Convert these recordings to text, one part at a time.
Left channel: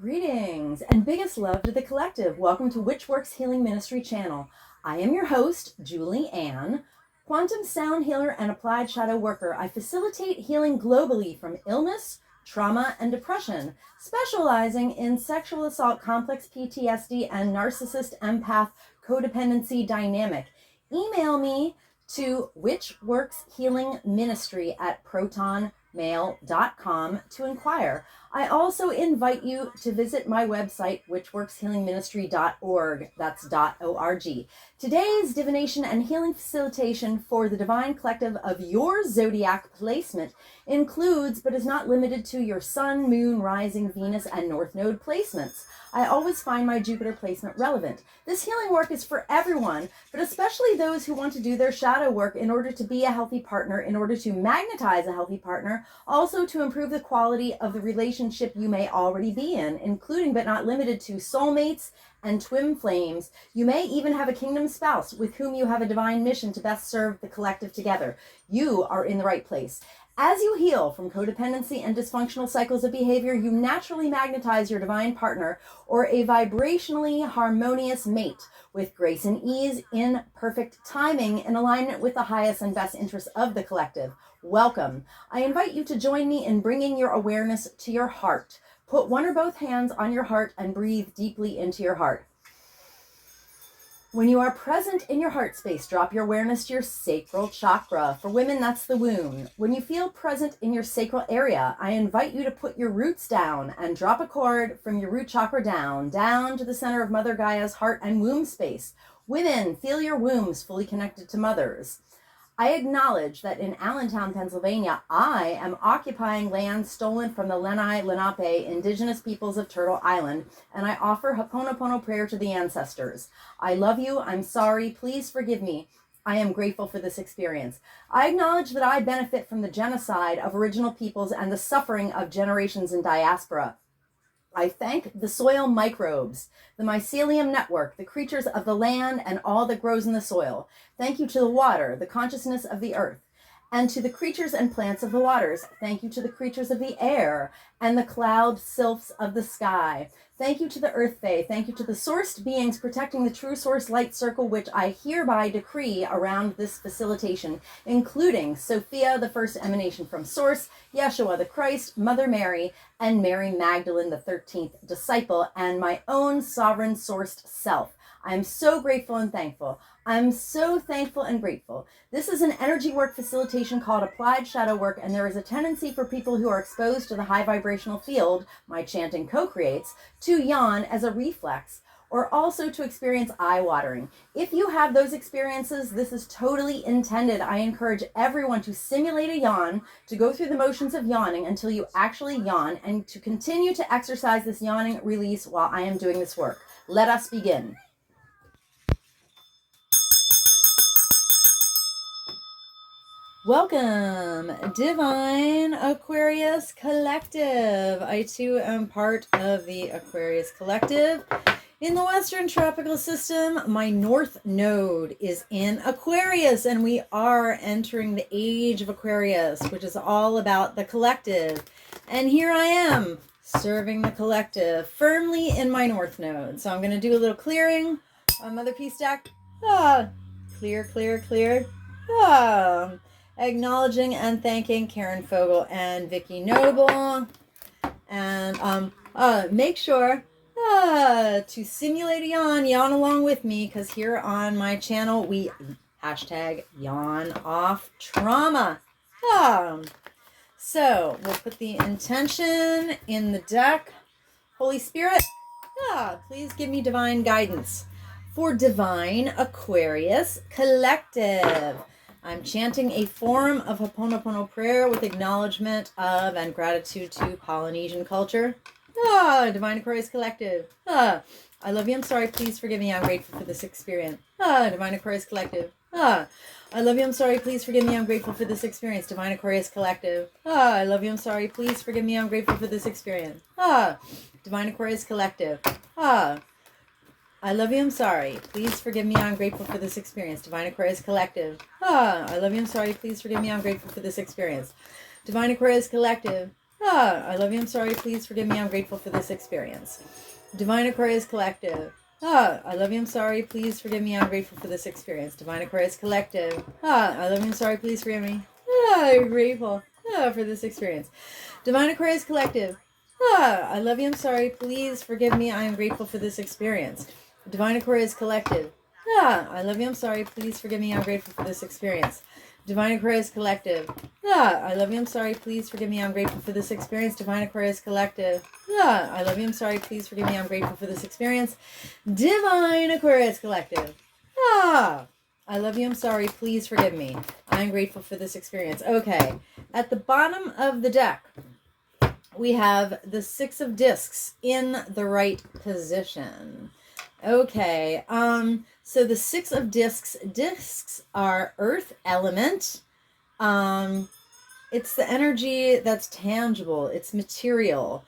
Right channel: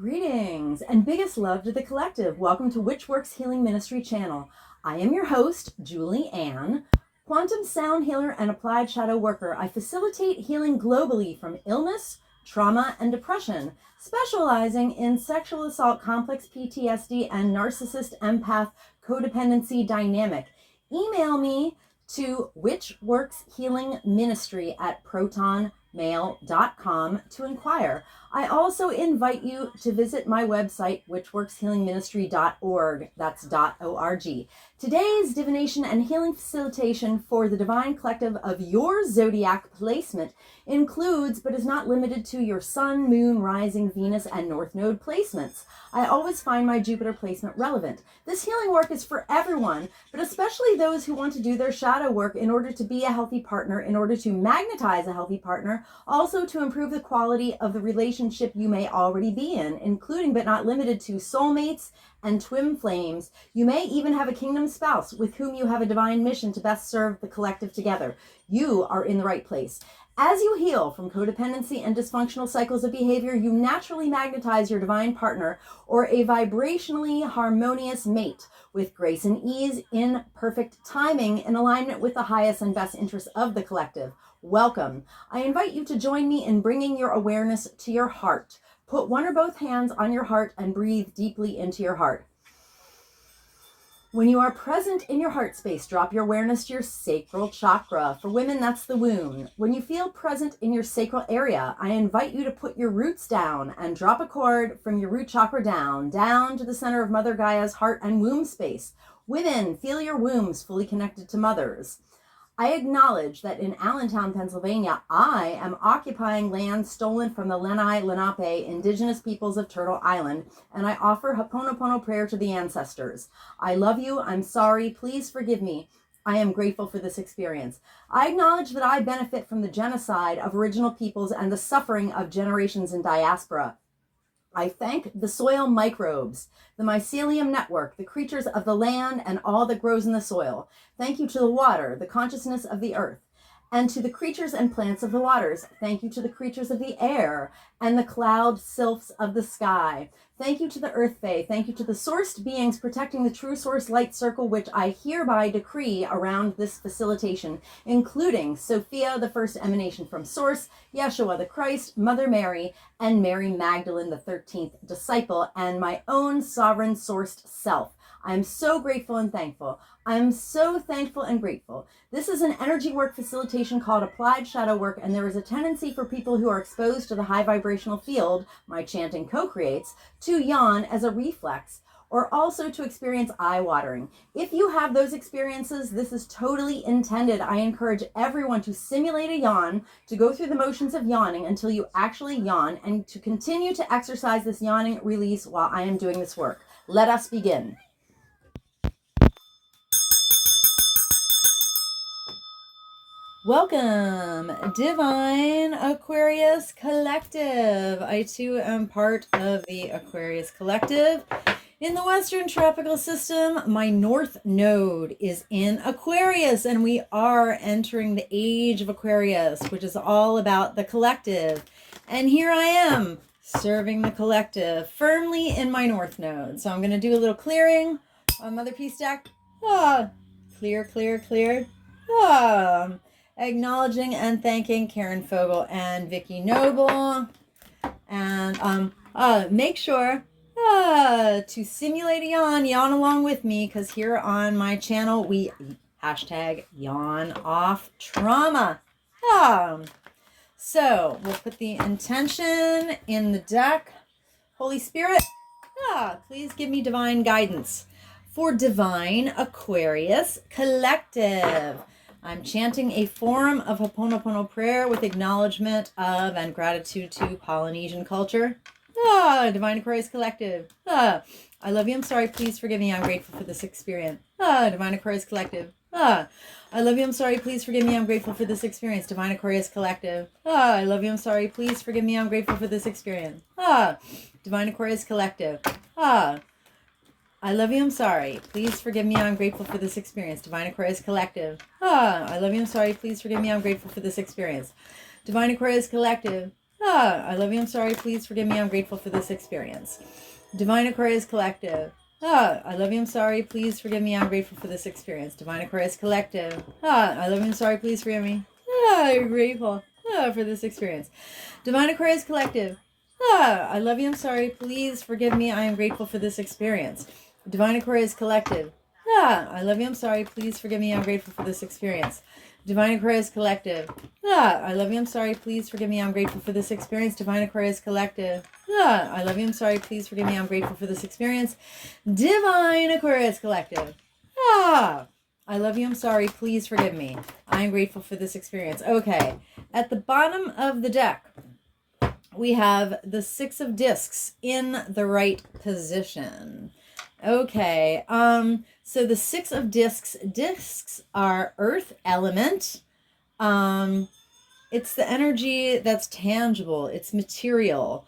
Greetings and biggest love to the collective. Welcome to Which Works Healing Ministry channel. I am your host, Julie Ann, quantum sound healer and applied shadow worker. I facilitate healing globally from illness, trauma, and depression, specializing in sexual assault, complex PTSD, and narcissist empath codependency dynamic. Email me to whichworkshealingministry@protonmail.com to inquire. I also invite you to visit my website, whichworkshealingministry.org. That's .org. Today's divination and healing facilitation for the divine collective of your zodiac placement includes, but is not limited to, your sun, moon, rising, Venus, and north node placements. I always find my Jupiter placement relevant. This healing work is for everyone, but especially those who want to do their shadow work in order to be a healthy partner, in order to magnetize a healthy partner, also to improve the quality of the relationship you may already be in, including but not limited to soulmates and twin flames. You may even have a kingdom spouse with whom you have a divine mission to best serve the collective together. You are in the right place. As you heal from codependency and dysfunctional cycles of behavior, you naturally magnetize your divine partner or a vibrationally harmonious mate with grace and ease, in perfect timing, in alignment with the highest and best interests of the collective. Welcome. I invite you to join me in bringing your awareness to your heart. Put one or both hands on your heart and breathe deeply into your heart. When you are present in your heart space, drop your awareness to your sacral chakra. For women, that's the womb. When you feel present in your sacral area, I invite you to put your roots down and drop a cord from your root chakra down to the center of Mother Gaia's heart and womb space. Women, feel your wombs fully connected to mothers. I acknowledge that in Allentown, Pennsylvania, I am occupying land stolen from the Lenni Lenape indigenous peoples of Turtle Island, and I offer Ho'oponopono prayer to the ancestors. I love you. I'm sorry. Please forgive me. I am grateful for this experience. I acknowledge that I benefit from the genocide of original peoples and the suffering of generations in diaspora. I thank the soil microbes, the mycelium network, the creatures of the land, and all that grows in the soil. Thank you to the water, the consciousness of the earth, and to the creatures and plants of the waters. Thank you to the creatures of the air and the cloud sylphs of the sky. Thank you to the earth fae. Thank you to the sourced beings protecting the true source light circle, which I hereby decree around this facilitation, including Sophia, the first emanation from source, Yeshua the Christ, Mother Mary, and Mary Magdalene, the 13th disciple, and my own sovereign sourced self. I'm so grateful and thankful. I'm so thankful and grateful. This is an energy work facilitation called applied shadow work, and there is a tendency for people who are exposed to the high vibrational field my chanting co-creates to yawn as a reflex, or also to experience eye watering. If you have those experiences, this is totally intended. I encourage everyone to simulate a yawn, to go through the motions of yawning until you actually yawn, and to continue to exercise this yawning release while I am doing this work. Let us begin. Welcome, Divine Aquarius Collective. I too am part of the Aquarius Collective. In the Western Tropical System, my North Node is in Aquarius, and we are entering the age of Aquarius, which is all about the collective. And here I am, serving the collective firmly in my North Node. So I'm going to do a little clearing on Mother Peace stack. Clear, clear, clear. Acknowledging and thanking Karen Fogel and Vicky Noble. And make sure to simulate a yawn along with me, because here on my channel we hashtag yawn off trauma. So we'll put the intention in the deck. Holy Spirit, please give me divine guidance for Divine Aquarius Collective. I'm chanting a form of Ho'oponopono prayer with acknowledgement of and gratitude to Polynesian culture. Divine Aquarius Collective. I love you. I'm sorry. Please forgive me. I'm grateful for this experience. Divine Aquarius Collective. I love you. I'm sorry. Please forgive me. I'm grateful for this experience. Divine Aquarius Collective. I love you. I'm sorry. Please forgive me. I'm grateful for this experience. Divine Aquarius Collective. I love you, I'm sorry. Please forgive me, I'm grateful for this experience. Divine Aquarius Collective. I love you, I'm sorry. Please forgive me, I'm grateful for this experience. Divine Aquarius Collective. I love you, I'm sorry, please forgive me, I'm grateful for this experience. Divine Aquarius Collective. I love you, I'm sorry, please forgive me, I'm grateful for this experience. Divine Aquarius Collective. I love you, I'm sorry, please forgive me. I'm grateful for this experience. Divine Aquarius Collective. I love you, I'm sorry, please forgive me, I am grateful for this experience. Divine Aquarius Collective. I love you, I'm sorry, please forgive me, I'm grateful for this experience. Divine Aquarius Collective. I love you, I'm sorry, please forgive me, I'm grateful for this experience. Divine Aquarius Collective. I love you, I'm sorry, please forgive me, I'm grateful for this experience. Divine Aquarius Collective. I love you, I'm sorry, please forgive me, I am grateful for this experience. Okay, at the bottom of the deck, we have the Six of Discs in the right position. Okay, so the Six of Discs are earth element. It's the energy that's tangible, it's material.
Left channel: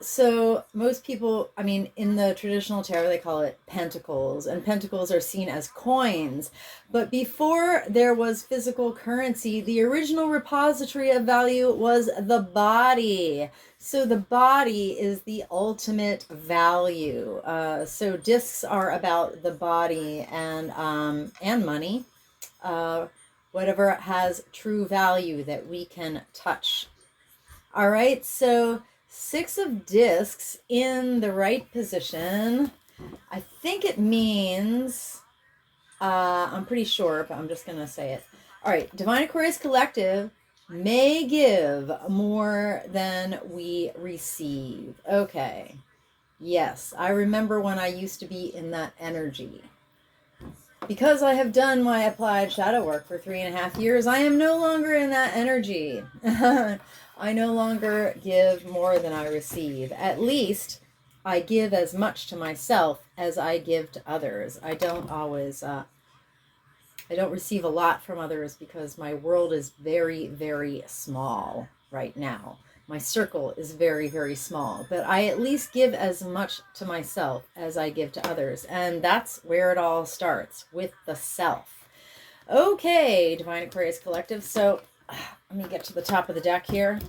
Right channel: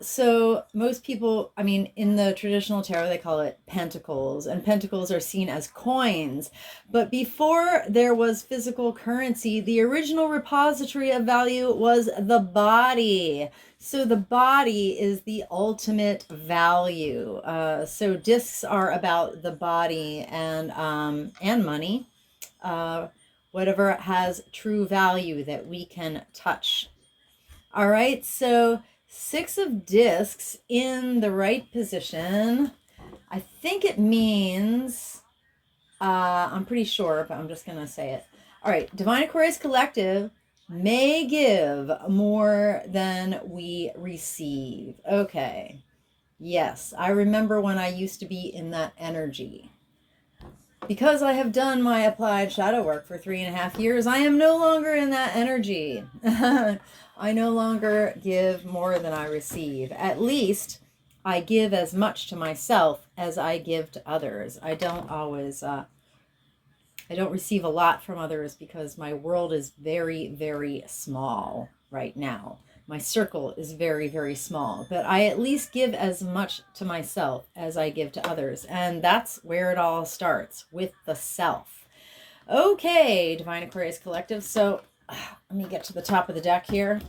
So most people, I mean, in the traditional tarot, they call it pentacles, and pentacles are seen as coins. But before there was physical currency, the original repository of value was the body. So the body is the ultimate value. So discs are about the body and money. Whatever has true value that we can touch. All right, so Six of Discs in the right position. I think it means, I'm pretty sure, but I'm just going to say it. All right, Divine Aquarius Collective may give more than we receive. Okay, yes, I remember when I used to be in that energy. Because I have done my applied shadow work for 3.5 years, I am no longer in that energy. I no longer give more than I receive. At least I give as much to myself as I give to others. I don't always, I don't receive a lot from others because my world is very, very small right now. My circle is very, very small, but I at least give as much to myself as I give to others. And that's where it all starts, with the self. Okay, Divine Aquarius Collective. So let me get to the top of the deck here.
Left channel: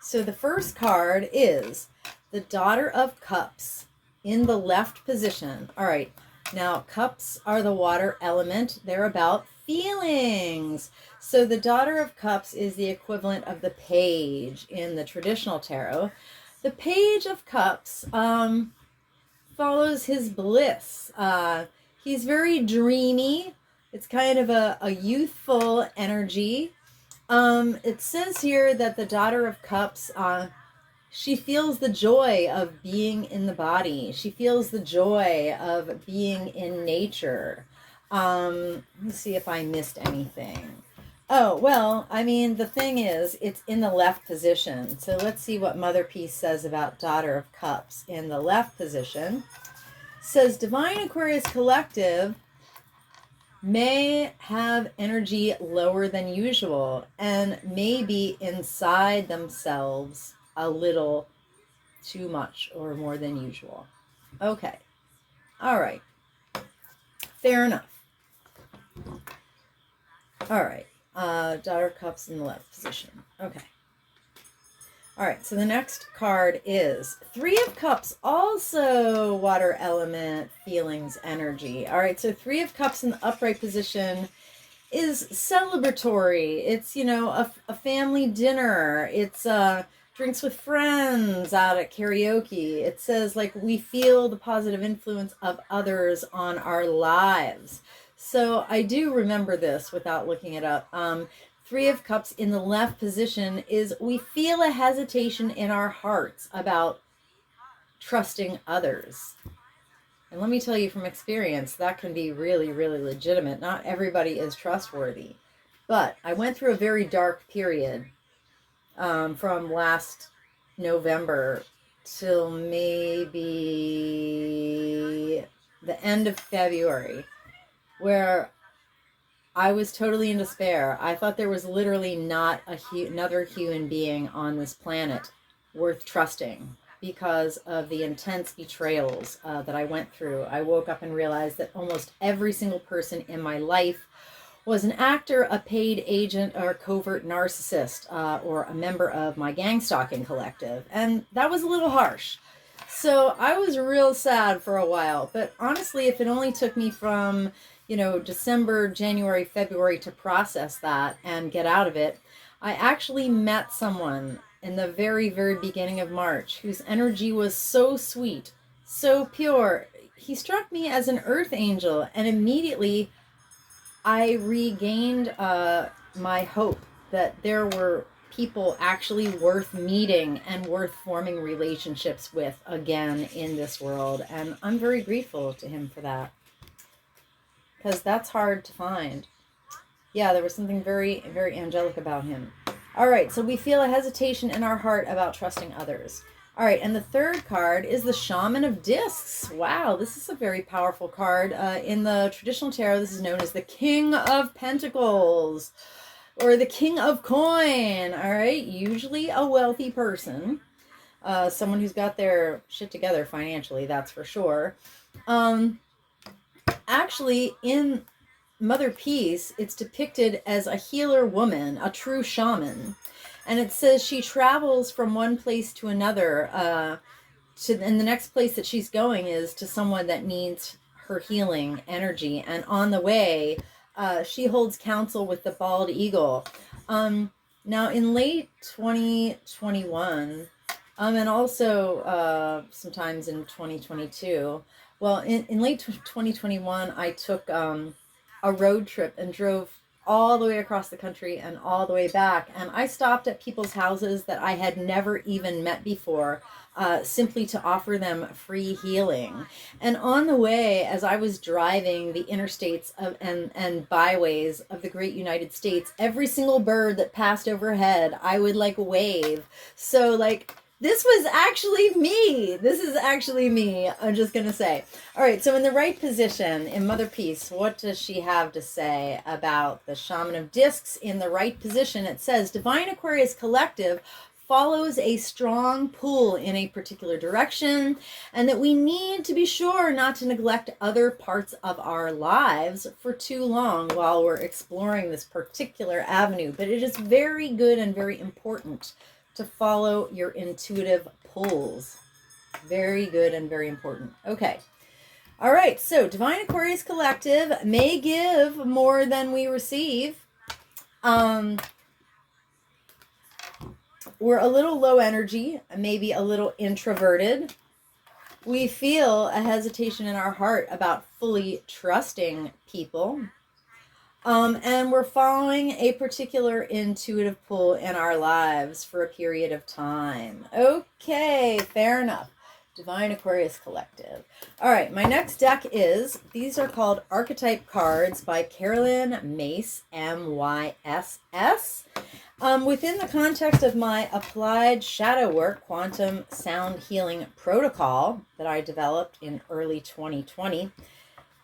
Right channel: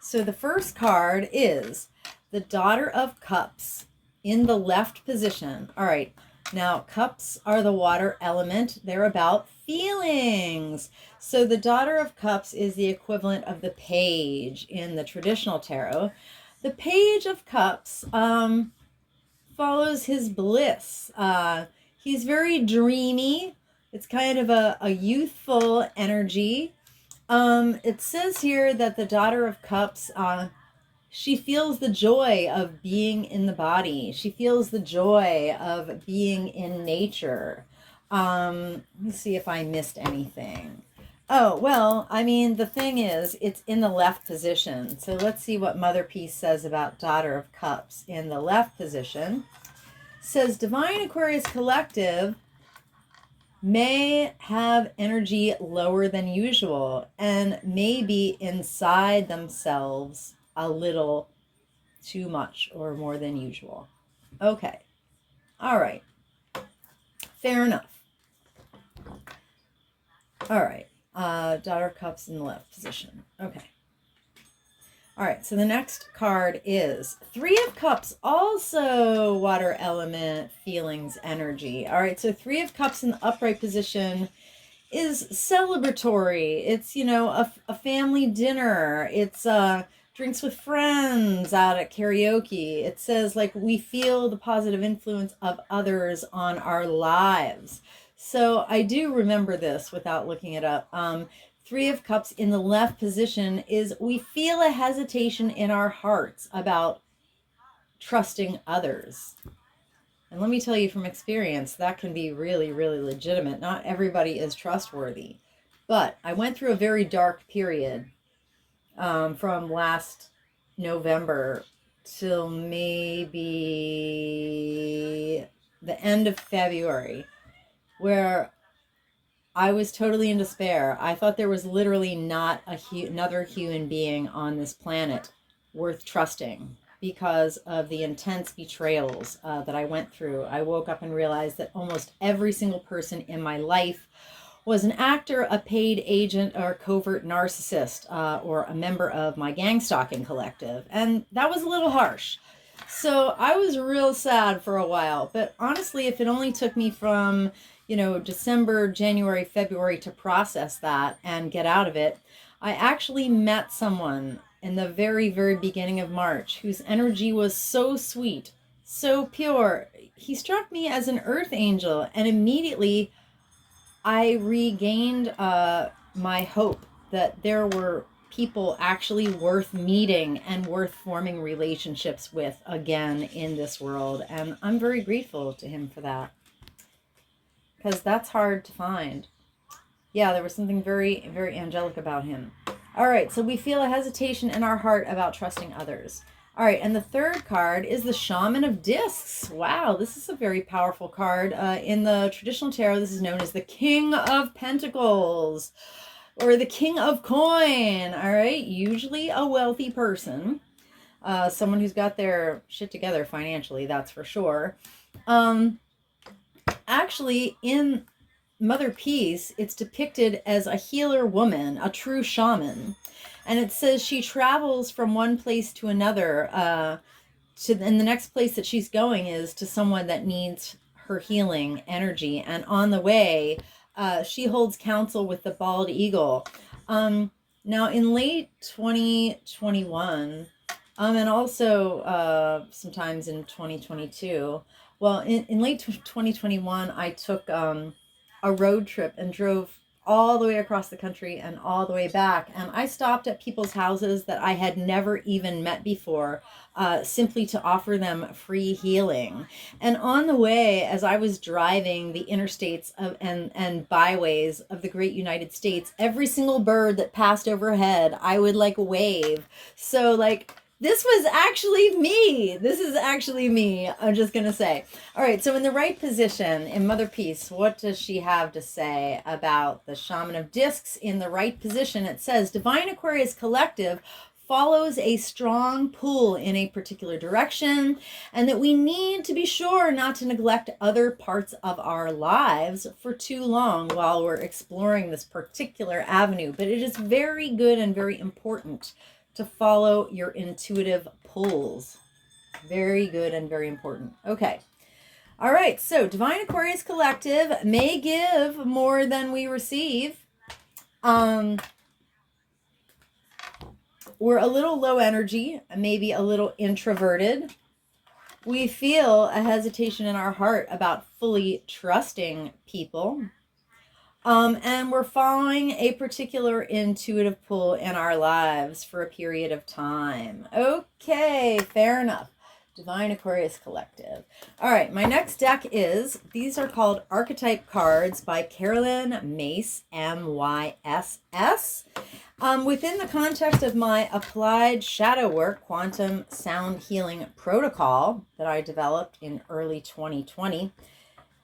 So the first card is the Daughter of Cups in the left position. All right. Now, cups are the water element. They're about feelings. So the Daughter of Cups is the equivalent of the Page in the traditional tarot. The Page of Cups follows his bliss. He's very dreamy. It's kind of a youthful energy. It says here that the Daughter of Cups, she feels the joy of being in the body. She feels the joy of being in nature. Let me see if I missed anything. Oh, well, I mean, the thing is, it's in the left position. So let's see what Mother Peace says about Daughter of Cups in the left position. It says, Divine Aquarius Collective may have energy lower than usual and may be inside themselves a little too much or more than usual. Okay. All right. Fair enough. All right. Daughter of Cups in the left position. Okay. All right. So the next card is Three of Cups, also water element, feelings, energy. All right. So Three of Cups in the upright position is celebratory. It's, you know, a family dinner. It's drinks with friends out at karaoke. It says, like, we feel the positive influence of others on our lives. So I do remember this without looking it up. Three of Cups in the left position is we feel a hesitation in our hearts about trusting others. And let me tell you from experience, that can be really, really legitimate. Not everybody is trustworthy. But I went through a very dark period from last November till maybe the end of February, where I was totally in despair. I thought there was literally not another human being on this planet worth trusting because of the intense betrayals that I went through. I woke up and realized that almost every single person in my life was an actor, a paid agent, or a covert narcissist, or a member of my gang stalking collective. And that was a little harsh. So I was real sad for a while. But honestly, if it only took me from, December, January, February to process that and get out of it, I actually met someone in the very, very beginning of March whose energy was so sweet, so pure. He struck me as an earth angel, and immediately I regained my hope that there were people actually worth meeting and worth forming relationships with again in this world. And I'm very grateful to him for that, because that's hard to find. Yeah, there was something very, very angelic about him. All right, so we feel a hesitation in our heart about trusting others. All right, and the third card is the Shaman of Discs. Wow, this is a very powerful card. In the traditional tarot, this is known as the King of Pentacles or the King of Coin. All right, usually a wealthy person, someone who's got their shit together financially, that's for sure. Actually, in Mother Peace, it's depicted as a healer woman, a true shaman. And it says she travels from one place to another, and the next place that she's going is to someone that needs her healing energy. And on the way, she holds counsel with the bald eagle. Now, in late 2021, and also sometimes in 2022, well, in late 2021, I took a road trip and drove all the way across the country and all the way back. And I stopped at people's houses that I had never even met before, simply to offer them free healing. And on the way, as I was driving the interstates and byways of the great United States, every single bird that passed overhead, I would wave. So this was actually me. This is actually me, I'm just going to say. All right, so in the right position, in Mother Peace, what does she have to say about the Shaman of Discs? In the right position, it says, Divine Aquarius Collective follows a strong pull in a particular direction, and that we need to be sure not to neglect other parts of our lives for too long while we're exploring this particular avenue. But it is very good and very important to follow your intuitive pulls. Very good and very important. Okay. All right. So Divine Aquarius Collective may give more than we receive. We're a little low energy, maybe a little introverted. We feel a hesitation in our heart about fully trusting people. And we're following a particular intuitive pull in our lives for a period of time. Okay, fair enough. Divine Aquarius Collective. All right, my next deck these are called Archetype cards by Carolyn Mace, M-Y-S-S. Within the context of my applied shadow work, quantum sound healing protocol that I developed in early 2020,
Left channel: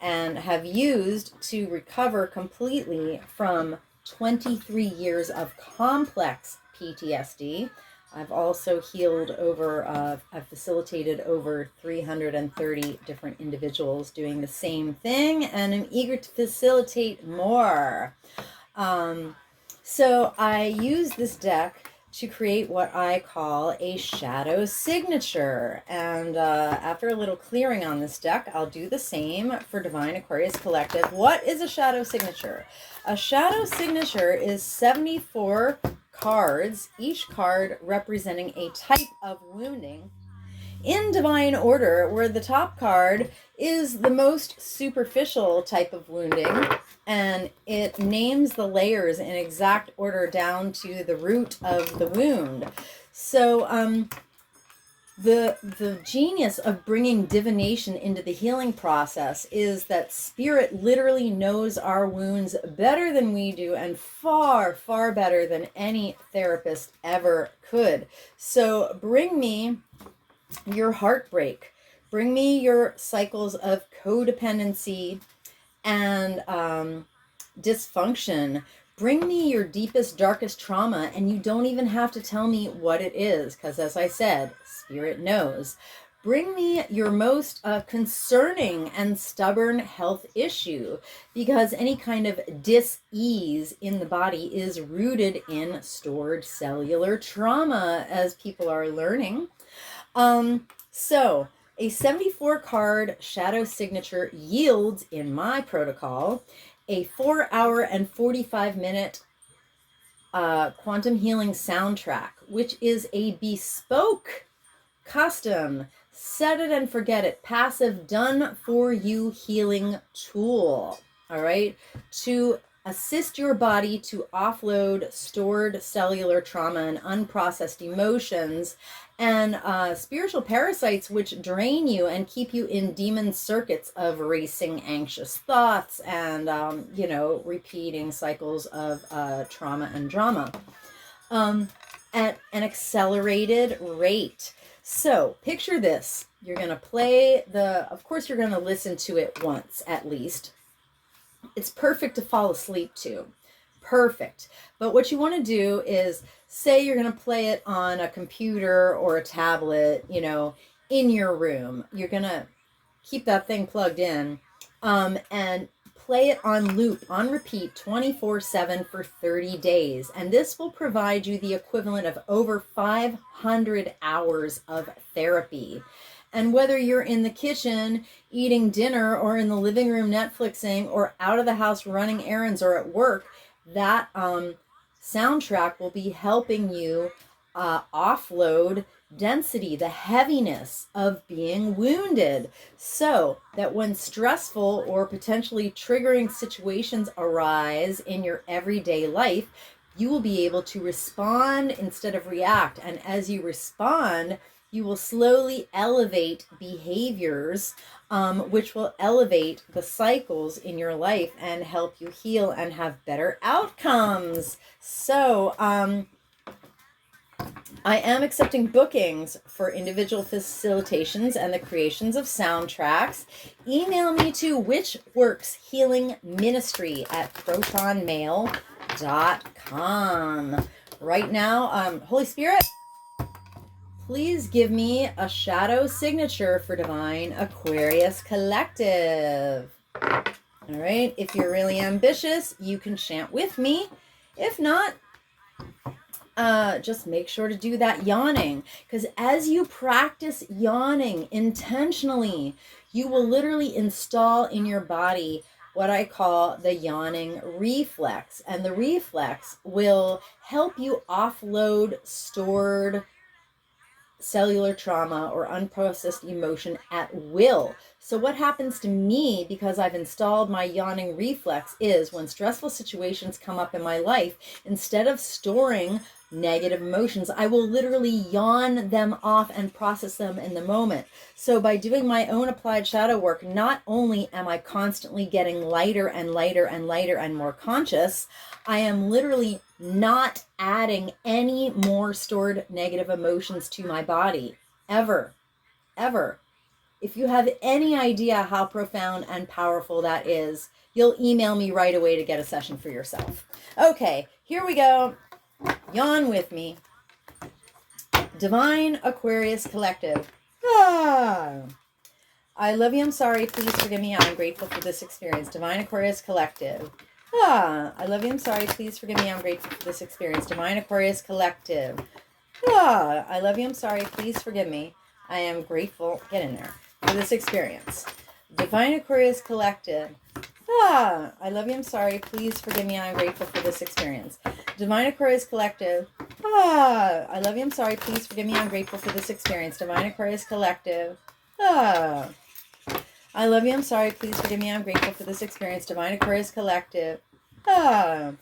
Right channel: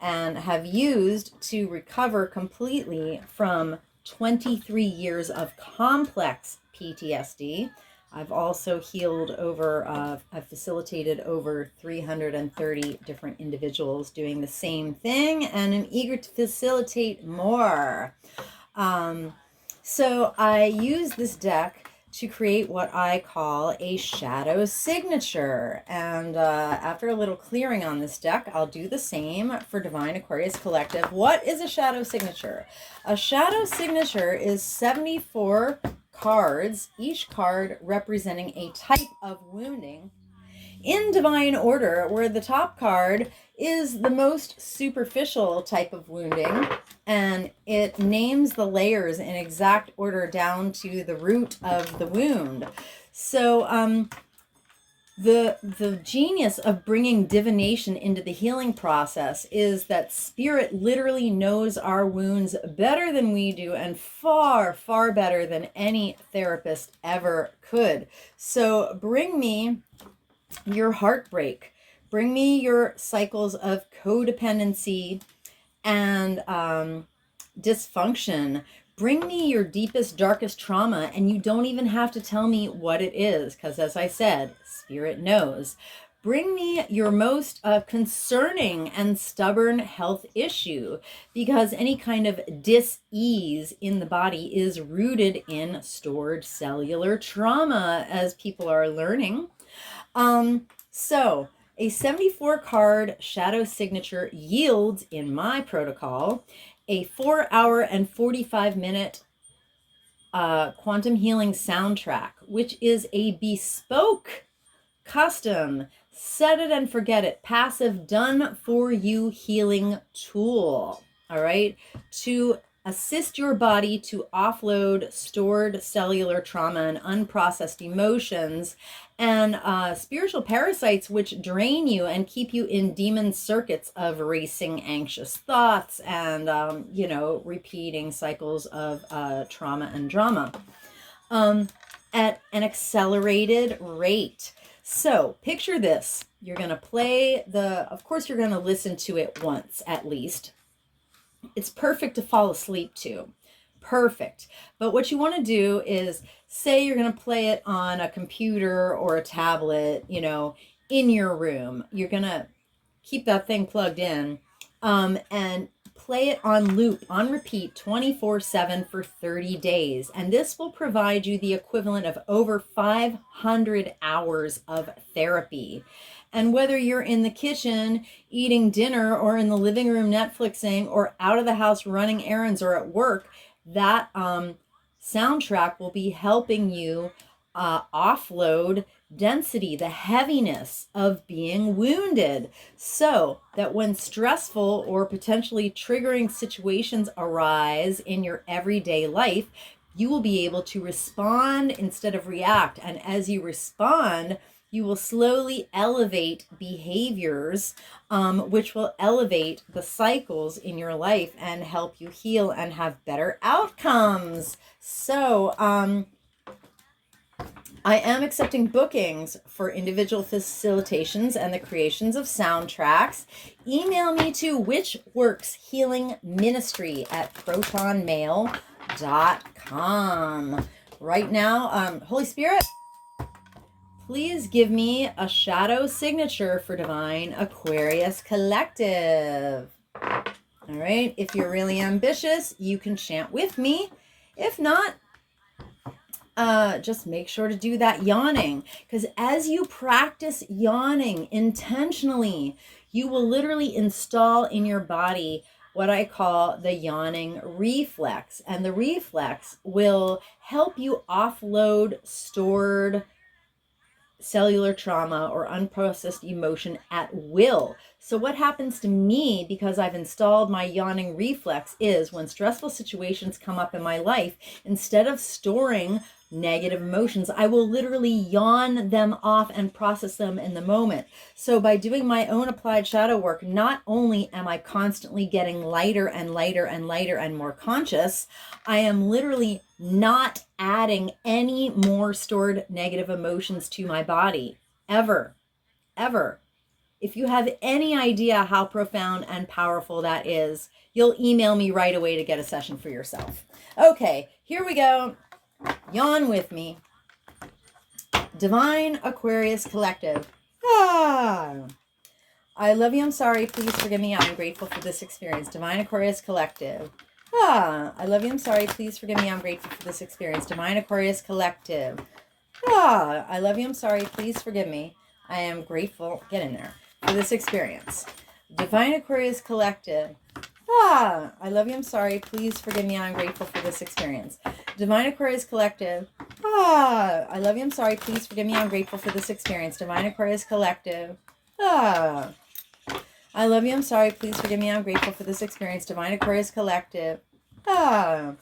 and have used to recover completely from 23 years of complex PTSD. I've also healed I've facilitated over 330 different individuals doing the same thing, and I'm eager to facilitate more. So I use this deck to create what I call a shadow signature. And after a little clearing on this deck, I'll do the same for Divine Aquarius Collective. What is a shadow signature? A shadow signature is 74 cards, each card representing a type of wounding in divine order, where the top card is the most superficial type of wounding, and it names the layers in exact order down to the root of the wound. So the genius of bringing divination into the healing process is that spirit literally knows our wounds better than we do, and far, far better than any therapist ever could. So bring me your heartbreak. Bring me your cycles of codependency and dysfunction. Bring me your deepest, darkest trauma, and you don't even have to tell me what it is, because as I said, spirit knows. Bring me your most concerning and stubborn health issue, because any kind of dis-ease in the body is rooted in stored cellular trauma, as people are learning. So a 74 card shadow signature yields, in my protocol, a 4-hour and 45-minute quantum healing soundtrack, which is a bespoke, custom, set it and forget it, passive, done for you healing tool. All right, to assist your body to offload stored cellular trauma and unprocessed emotions and spiritual parasites which drain you and keep you in demon circuits of racing anxious thoughts and repeating cycles of trauma and drama at an accelerated rate. So picture this. You're going to play of course you're going to listen to it once at least. It's perfect to fall asleep to. Perfect. But what you want to do is, say you're going to play it on a computer or a tablet, in your room. You're going to keep that thing plugged in and play it on loop, on repeat, 24/7 for 30 days. And this will provide you the equivalent of over 500 hours of therapy. And whether you're in the kitchen eating dinner or in the living room Netflixing or out of the house running errands or at work, that soundtrack will be helping you offload density, the heaviness of being wounded, so that when stressful or potentially triggering situations arise in your everyday life, you will be able to respond instead of react. And as you respond, you will slowly elevate behaviors, which will elevate the cycles in your life and help you heal and have better outcomes. So, I am accepting bookings for individual facilitations and the creations of soundtracks. Email me to whichworkshealingministry@protonmail.com. Right now, Holy Spirit, please give me a shadow signature for Divine Aquarius Collective. All right, if you're really ambitious, you can chant with me. If not, just make sure to do that yawning, because as you practice yawning intentionally, you will literally install in your body what I call the yawning reflex. And the reflex will help you offload stored cellular trauma or unprocessed emotion at will. So what happens to me, because I've installed my yawning reflex, is when stressful situations come up in my life, instead of storing negative emotions, I will literally yawn them off and process them in the moment. So by doing my own applied shadow work, not only am I constantly getting lighter and lighter and lighter and more conscious, I am literally not adding any more stored negative emotions to my body, ever. If you have any idea how profound and powerful that is, you'll email me right away to get a session for yourself. Okay, here we go. Yawn with me. Divine Aquarius Collective. I love you, I'm sorry, please forgive me, I'm grateful for this experience. Divine Aquarius Collective. I love you, I'm sorry, please forgive me, I'm grateful for this experience. Divine Aquarius Collective. I love you, I'm sorry, please forgive me, I am grateful, get in there, for this experience. Divine Aquarius Collective. I love you, I'm sorry, please forgive me, I'm grateful for this experience. Divine Aquarius Collective. I love you, I'm sorry, please forgive me, I'm grateful for this experience. Divine Aquarius Collective. I love you, I'm sorry, please forgive me, I'm grateful for this experience. Divine Aquarius Collective. I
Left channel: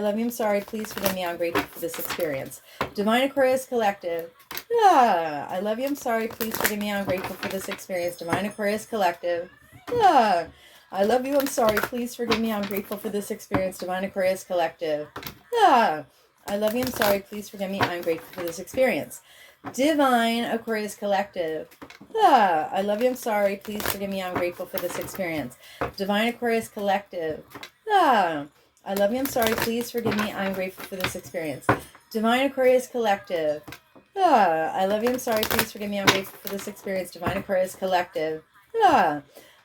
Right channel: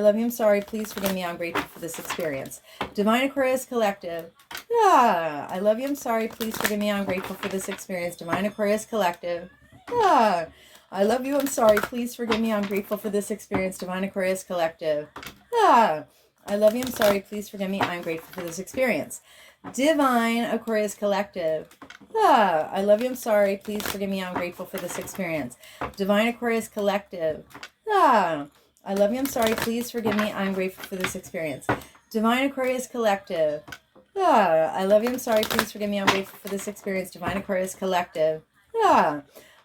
love you, I'm sorry, please forgive me, I'm grateful for this experience. Divine Aquarius Collective. I love you, I'm sorry, please forgive me, I'm grateful for this experience. Divine Aquarius Collective. I love you, I'm sorry, please forgive me, I'm grateful for this experience. Divine Aquarius Collective. I love you, I'm sorry, please forgive me, I'm grateful for this experience. Divine Aquarius Collective. I love you, I'm sorry, please forgive me, I'm grateful for this experience. Divine Aquarius Collective. I love you, I'm sorry, please forgive me, I'm grateful for this experience. Divine Aquarius Collective. I love you, I'm sorry, please forgive me, I'm grateful for this experience. Divine Aquarius Collective.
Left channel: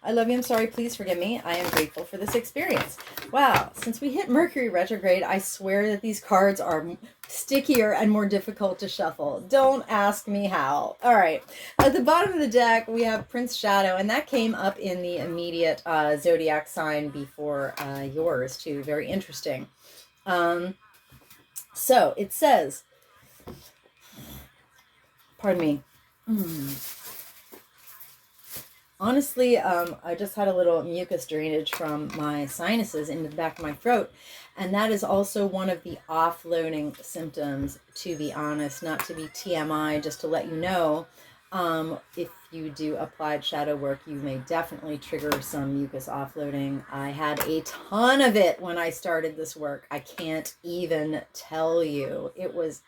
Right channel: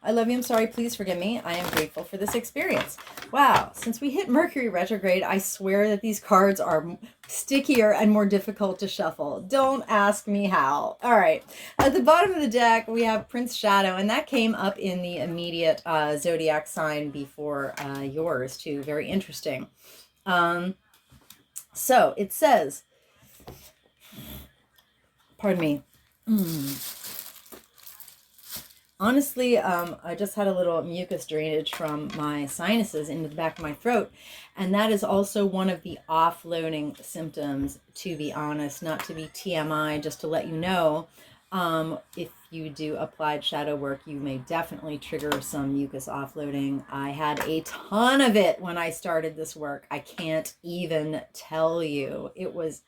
I love you, I'm sorry, please forgive me, I am grateful for this experience. Wow, since we hit Mercury retrograde, I swear that these cards are stickier and more difficult to shuffle. Don't ask me how. All right, at the bottom of the deck, we have Prince Shadow, and that came up in the immediate zodiac sign before yours, too. Very interesting. So it says, pardon me. Honestly, I just had a little mucus drainage from my sinuses into the back of my throat, and that is also one of the offloading symptoms, to be honest, not to be TMI, just to let you know. If you do applied shadow work, you may definitely trigger some mucus offloading. I had a ton of it when I started this work. I can't even tell you. It was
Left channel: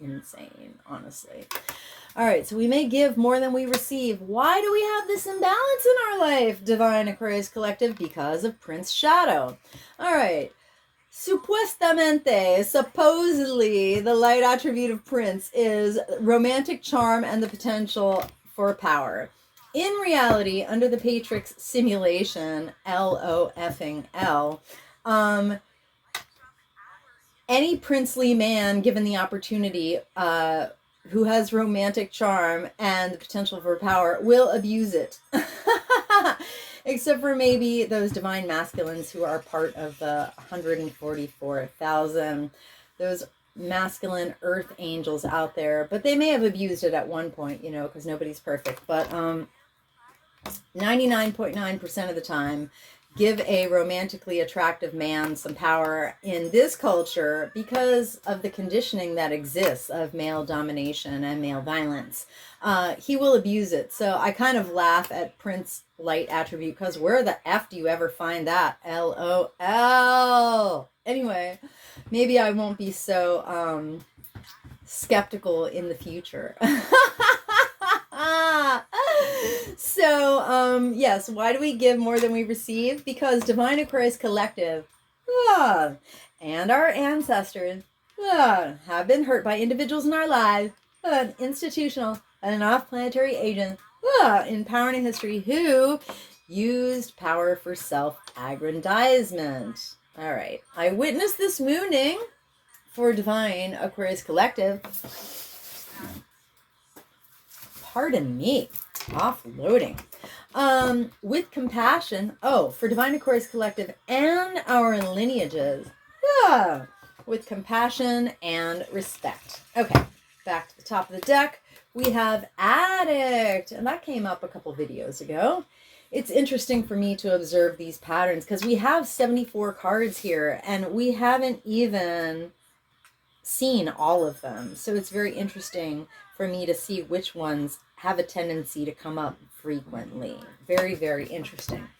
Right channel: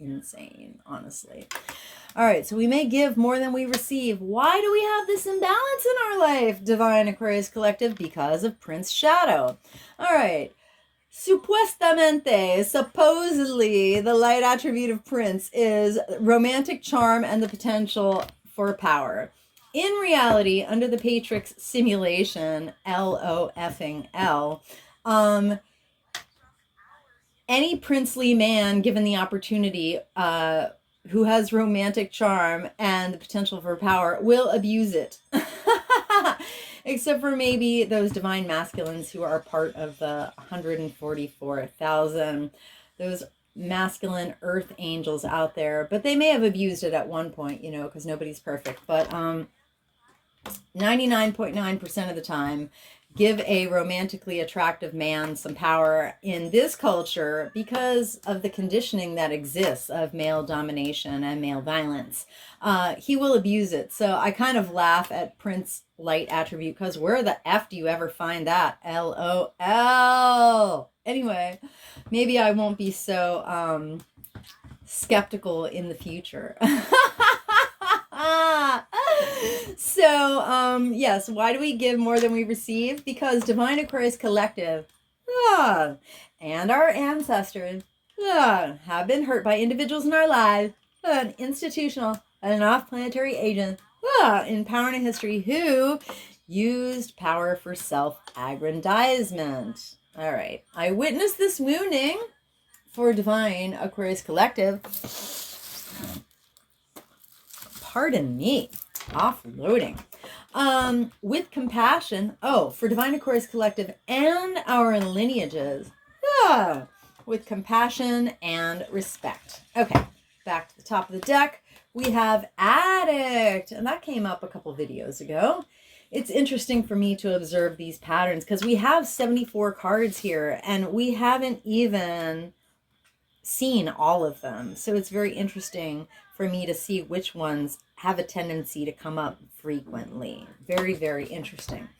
insane, honestly. All right, so we may give more than we receive. Why do we have this imbalance in our life, Divine Aquarius Collective? Because of Prince Shadow. All right. Supuestamente, supposedly, the light attribute of Prince is romantic charm and the potential for power. In reality, under the Patrix simulation, L-O-F-ing-L, any princely man given the opportunity who has romantic charm and the potential for power will abuse it. Except for maybe those divine masculines who are part of the 144,000, those masculine earth angels out there. But they may have abused it at one point, you know, because nobody's perfect. But 99.9% of the time, give a romantically attractive man some power in this culture because of the conditioning that exists of male domination and male violence. He will abuse it. So I kind of laugh at Prince light attribute because where the F do you ever find that? LOL. Anyway, maybe I won't be so skeptical in the future. So, yes, why do we give more than we receive? Because Divine Aquarius Collective and our ancestors have been hurt by individuals in our lives, an institutional and an off-planetary agent in power and history who used power for self-aggrandizement. All right, I witnessed this wounding for Divine Aquarius Collective. Pardon me, offloading. With compassion, for Divine Aquarius Collective and our lineages, with compassion and respect. Okay, back to the top of the deck, we have Addict, and that came up a couple videos ago. It's interesting for me to observe these patterns because we have 74 cards here, and we haven't even seen all of them. So it's very interesting for me to see which ones have a tendency to come up frequently. Very, very interesting.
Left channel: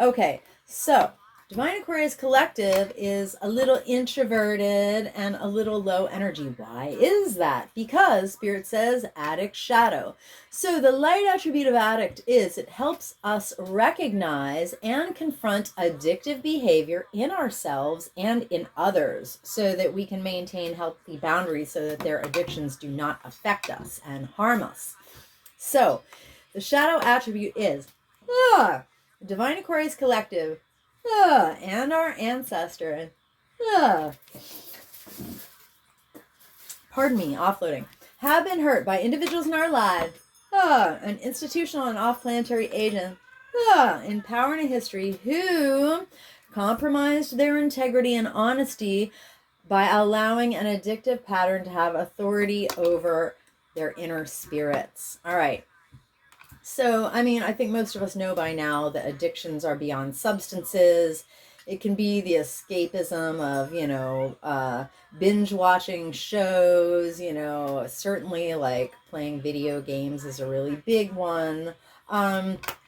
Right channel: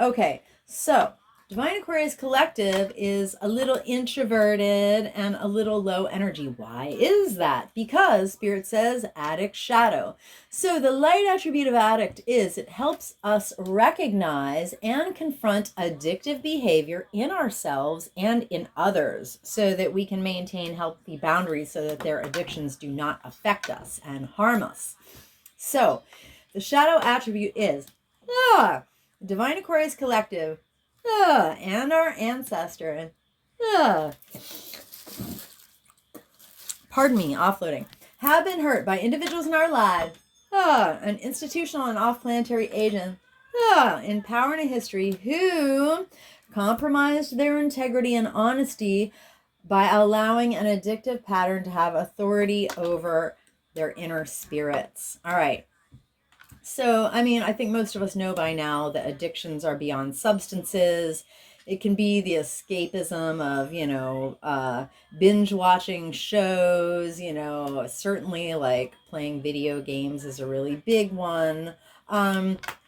Okay, so Divine Aquarius Collective is a little introverted and a little low energy. Why is that? Because Spirit says addict shadow. So the light attribute of addict is it helps us recognize and confront addictive behavior in ourselves and in others so that we can maintain healthy boundaries so that their addictions do not affect us and harm us. So the shadow attribute is Divine Aquarius Collective and our ancestor. Pardon me, offloading. Have been hurt by individuals in our lives, an institutional and off-planetary agent, in power and history, who compromised their integrity and honesty by allowing an addictive pattern to have authority over their inner spirits. All right. So, I mean, I think most of us know by now that addictions are beyond substances. It can be the escapism of, binge watching shows, certainly like playing video games is a really big one.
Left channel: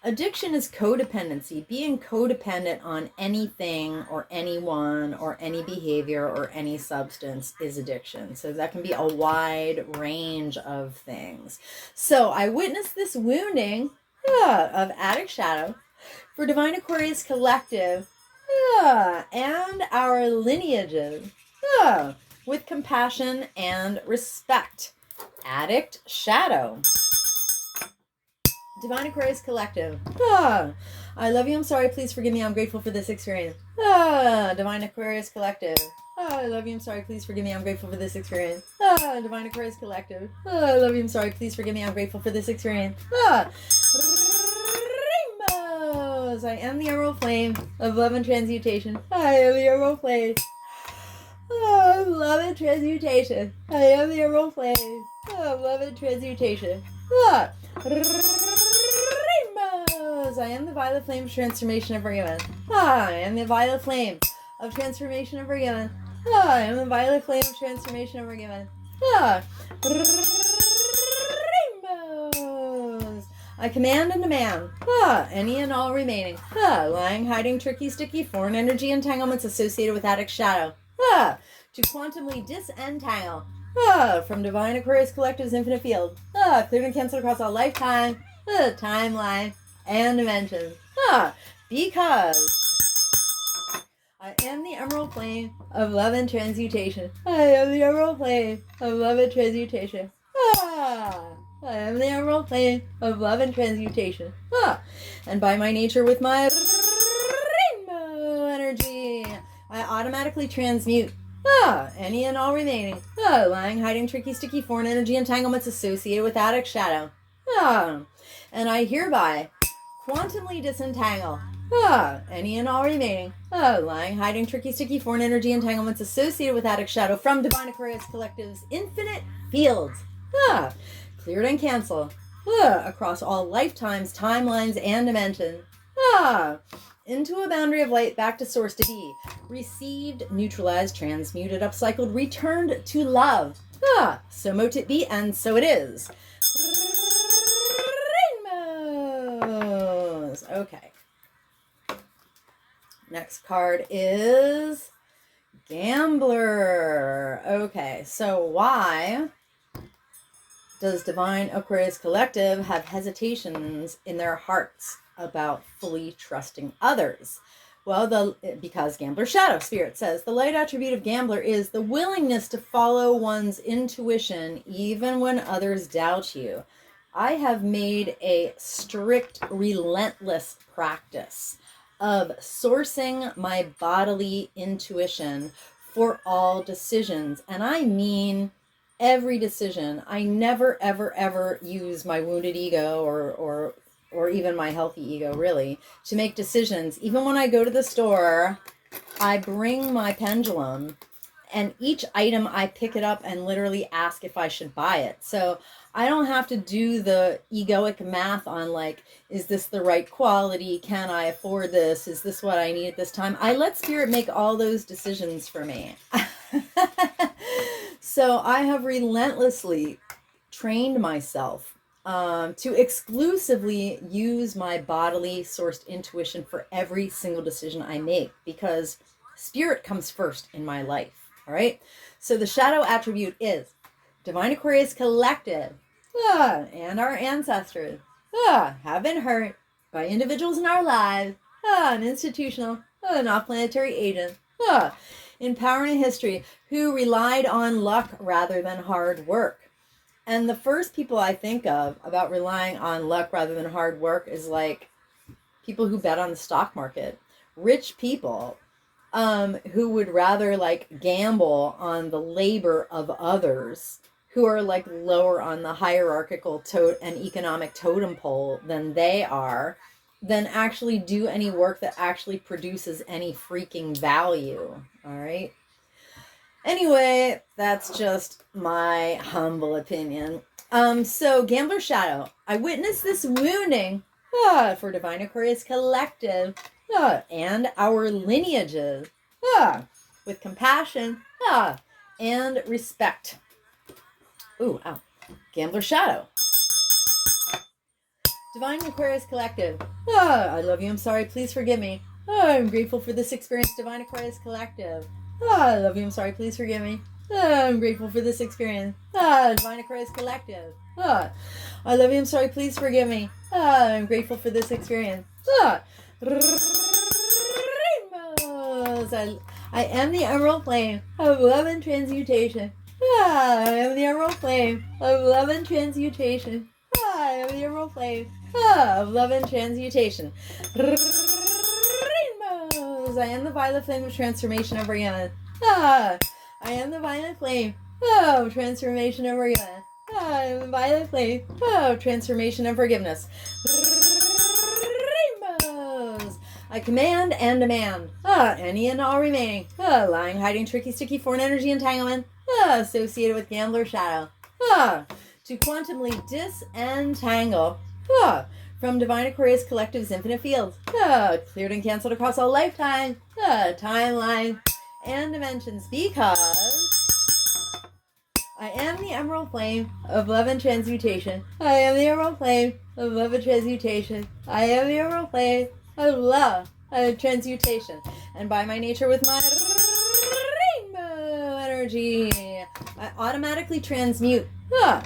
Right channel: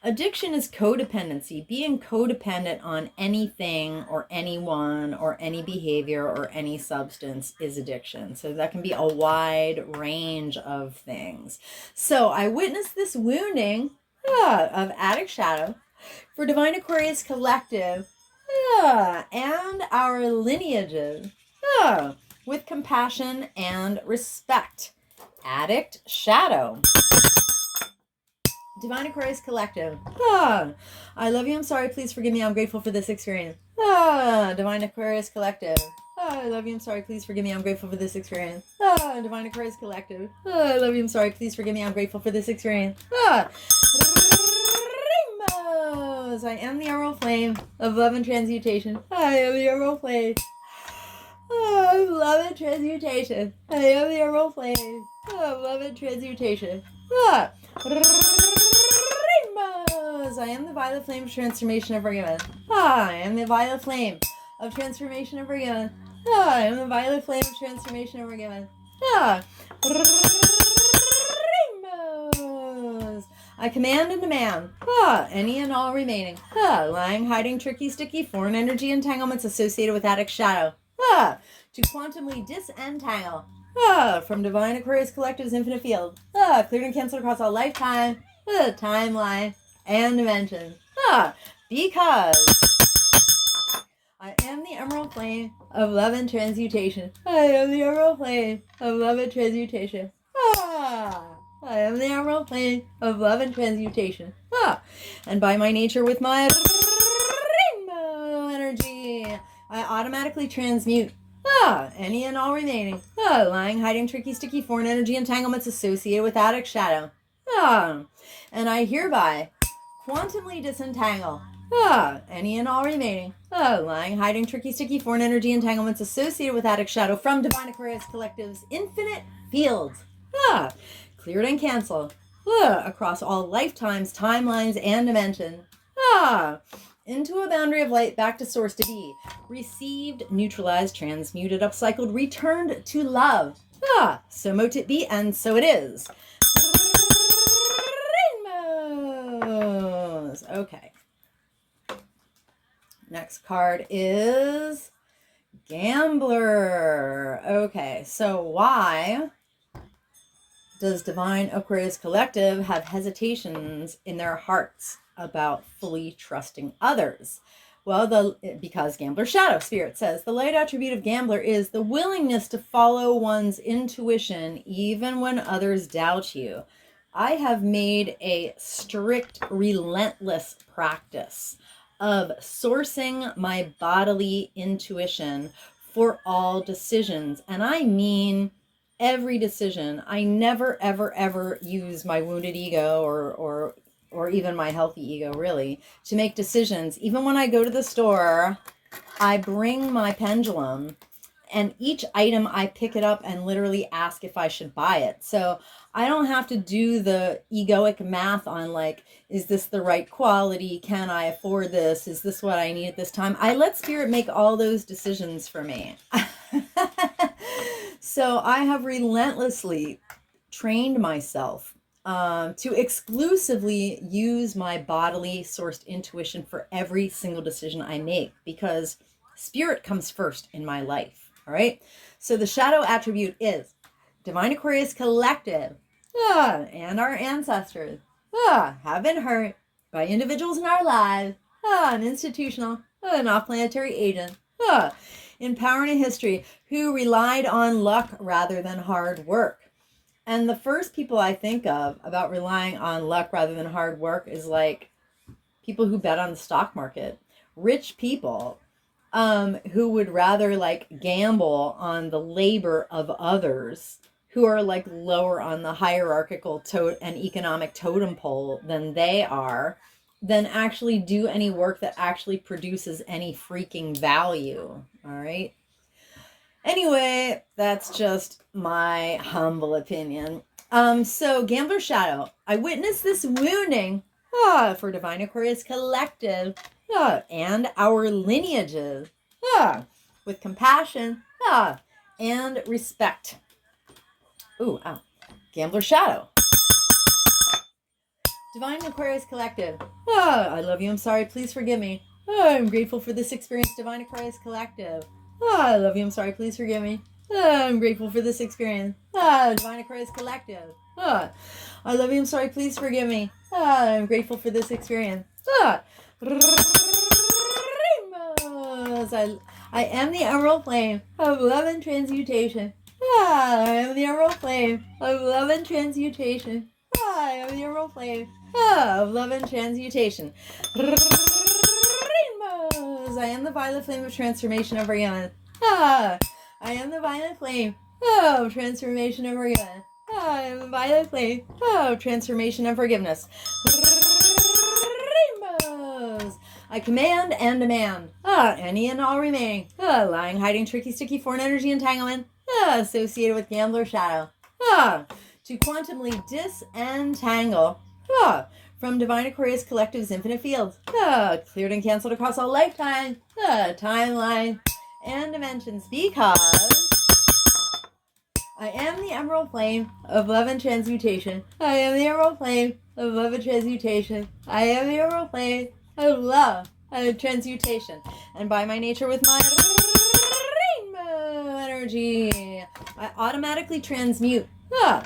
Addiction is codependency, being codependent on anything or anyone or any behavior or any substance is addiction. So that can be a wide range of things. So I witnessed this wounding of addict shadow for Divine Aquarius Collective and our lineages with compassion and respect. Addict Shadow. Divine Aquarius Collective. I love you, I'm sorry, please forgive me, I'm grateful for this experience. Divine Aquarius Collective. I love you, I'm sorry, please forgive me, I'm grateful for this experience. Divine Aquarius Collective. I love you, I'm sorry, please forgive me, I'm grateful for this experience. Rainbows. I am the emerald flame of love and transmutation. I am the emerald flame. Love and transmutation. I am the emerald flame of love and transmutation. Rainbows. I am the violet flame of transformation of forgiveness. I am the violet flame of transformation of forgiveness. I am the violet flame of transformation of forgiveness. Rainbows. I command and demand any and all remaining lying, hiding, tricky, sticky, foreign energy entanglements associated with addict shadow to quantumly disentangle from Divine Aquarius Collective's infinite field, cleared and canceled across all lifetime, timeline, and dimensions. Because I am the emerald flame of love and transmutation. I am the emerald flame of love and transmutation. I am the emerald flame of love and transmutation. And by my nature, with my rainbow energy, I automatically transmute any and all remaining lying, hiding, tricky, sticky, foreign energy entanglements associated with addict shadow. And I hereby quantumly disentangle any and all remaining lying, hiding, tricky, sticky, foreign energy entanglements associated with addict shadow from Divine Aquarius Collective's infinite fields. Cleared and canceled across all lifetimes, timelines, and dimensions. Into a boundary of light, back to source to be. Received, neutralized, transmuted, upcycled, returned to love. So mote it be, and so it is. Rainbows. Okay. Next card is Gambler. Okay, so why does Divine Aquarius Collective have hesitations in their hearts about fully trusting others? Well, because Gambler Shadow Spirit says the light attribute of Gambler is the willingness to follow one's intuition even when others doubt you. I have made a strict, relentless practice of sourcing my bodily intuition for all decisions. And I mean every decision. I never, ever, ever use my wounded ego or even my healthy ego, really, to make decisions. Even when I go to the store, I bring my pendulum, and each item I pick it up and literally ask if I should buy it. So I don't have to do the egoic math on, like, is this the right quality? Can I afford this? Is this what I need at this time? I let Spirit make all those decisions for me. So I have relentlessly trained myself to exclusively use my bodily sourced intuition for every single decision I make, because Spirit comes first in my life. All right. So the shadow attribute is Divine Aquarius Collective and our ancestors have been hurt by individuals in our lives, an institutional, an off-planetary agent, in power and history, who relied on luck rather than hard work. And the first people I think of about relying on luck rather than hard work is like people who bet on the stock market, rich people who would rather like gamble on the labor of others who are like lower on the hierarchical and economic totem pole than they are, than actually do any work that actually produces any freaking value. All right. Anyway, that's just my humble opinion. So Gambler Shadow, I witnessed this wounding for Divine Aquarius Collective and our lineages with compassion and respect. Ooh, ow. Gambler Shadow. Divine Aquarius Collective. I love you, I'm sorry, please forgive me. I'm grateful for this experience, Divine Aquarius Collective. I love you, I'm sorry, please forgive me. I'm grateful for this experience. Divine Aquarius Collective. I love you, I'm sorry, please forgive me. I'm grateful for this experience. Rainbows. I am the emerald flame of love and transmutation. I am the emerald flame of love and transmutation. I am the emerald flame of love and transmutation. Rainbows. I am the violet flame of transformation of Rihanna. I am the violet flame of transformation of Rihanna. I am the violet flame of transformation and forgiveness. Rainbows. I command and demand any and all remaining lying, hiding, tricky, sticky, foreign energy entanglement associated with gambler shadow to quantumly disentangle from Divine Aquarius Collective's infinite field, cleared and canceled across all lifetime, timeline, and dimensions, because I am the emerald flame of love and transmutation. I am the emerald flame of love and transmutation. I am the emerald flame of love and transmutation. And by my nature, with my rainbow energy, I automatically transmute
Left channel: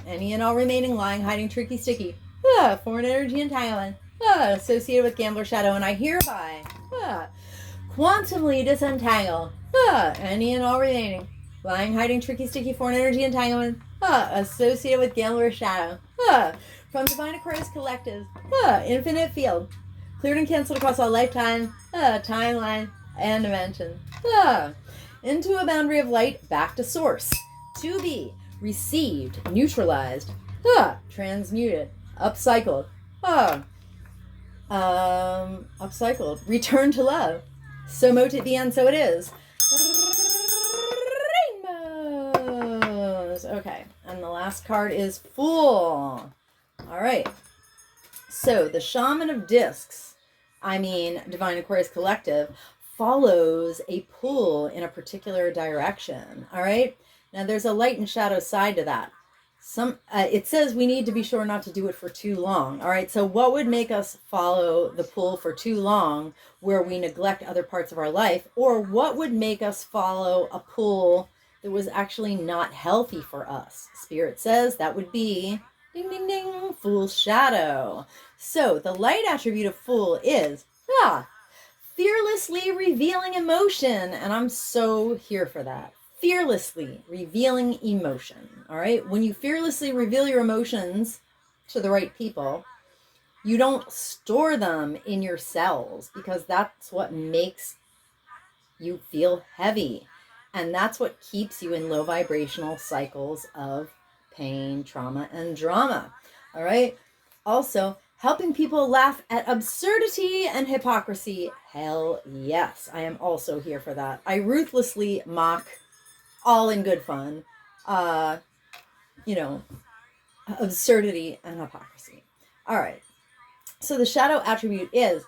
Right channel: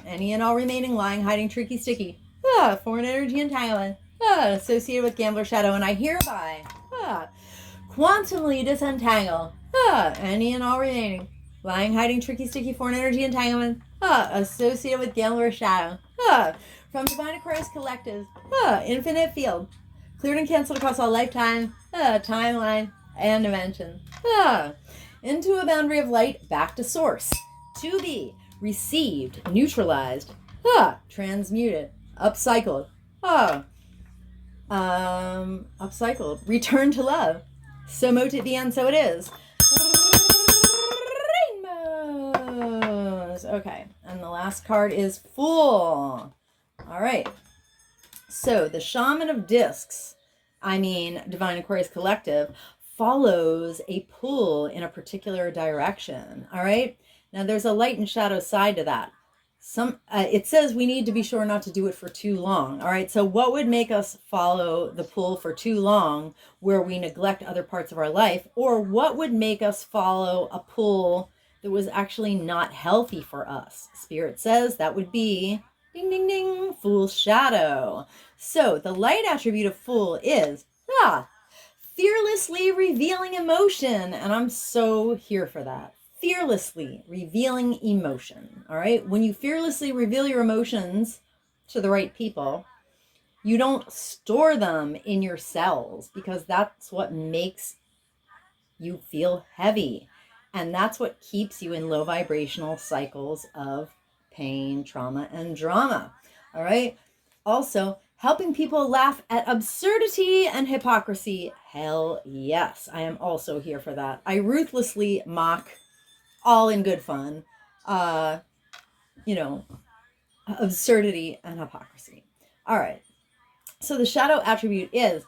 any and all remaining lying, hiding, tricky, sticky, foreign energy entanglement associated with gambler shadow. And I hereby quantumly disentangle any and all remaining lying, hiding, tricky, sticky, foreign energy entanglement associated with gambler shadow from Divine Aquarius Collective infinite field, cleared and canceled across all lifetime, timeline, and dimension, into a boundary of light, back to source, to be received, neutralized, transmuted, upcycled, returned to love. So mote it be, and so it is. Rainbows. Okay, and the last card is Fool. All right. So the Shaman of Discs, Divine Aquarius Collective, follows a pull in a particular direction. All right. Now there's a light and shadow side to that. It says we need to be sure not to do it for too long. All right. So what would make us follow the pull for too long, where we neglect other parts of our life, or what would make us follow a pull that was actually not healthy for us? Spirit says that would be ding, ding, ding, Fool's shadow. So the light attribute of Fool is fearlessly revealing emotion. And I'm so here for that. Fearlessly revealing emotion. All right. When you fearlessly reveal your emotions to the right people, you don't store them in your cells, because that's what makes you feel heavy. And that's what keeps you in low vibrational cycles of pain, trauma, and drama. All right. Also, helping people laugh at absurdity and hypocrisy. Hell yes. I am also here for that. I ruthlessly mock, all in good fun, absurdity and hypocrisy. All right. So the shadow attribute is